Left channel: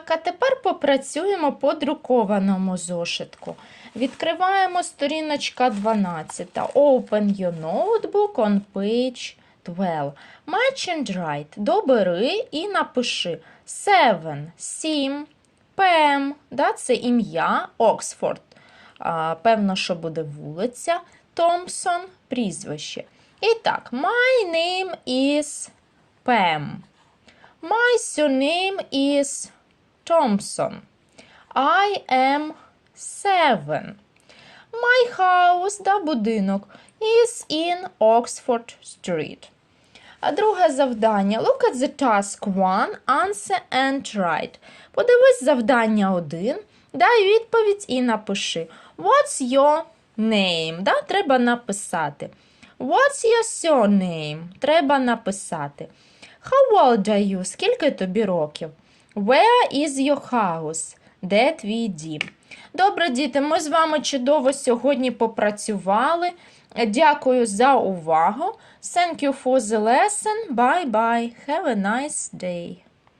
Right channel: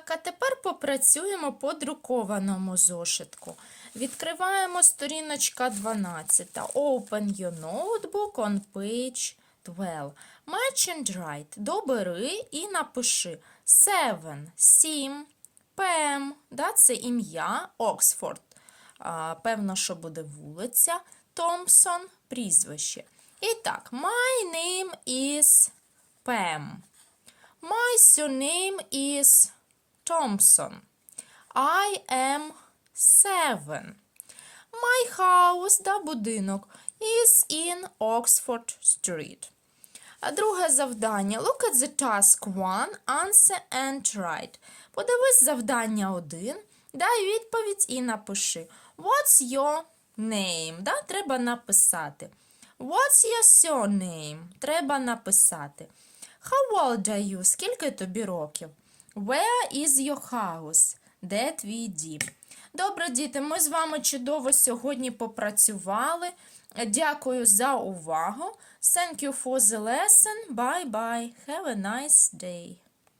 Так, а тепер попрацюємо по друкованому зошитку. Відкриваємо сторіночка 12. Open your notebook on page 12. Match and write. Добери і напиши. Seven, сім, Пем, да, це ім'я, Оксфорд. А, певно, що буде вулиця. Томпсон, прізвище. І так, my name is Pam. My surname is Thompson. I am seven. My house, да, будинок, is in Oxford Street. А друге завдання. Look at the task one, answer and write. Подивись завдання 1, дай відповідь і напиши. What's your name? Да, треба написати. What's your surname? Треба написати. How old are you? Скільки тобі років? Where is your house? Де твій дім? Добре, діти, ми з вами чудово сьогодні попрацювали. Дякую за увагу. Thank you for the lesson. Bye bye. Have a nice day.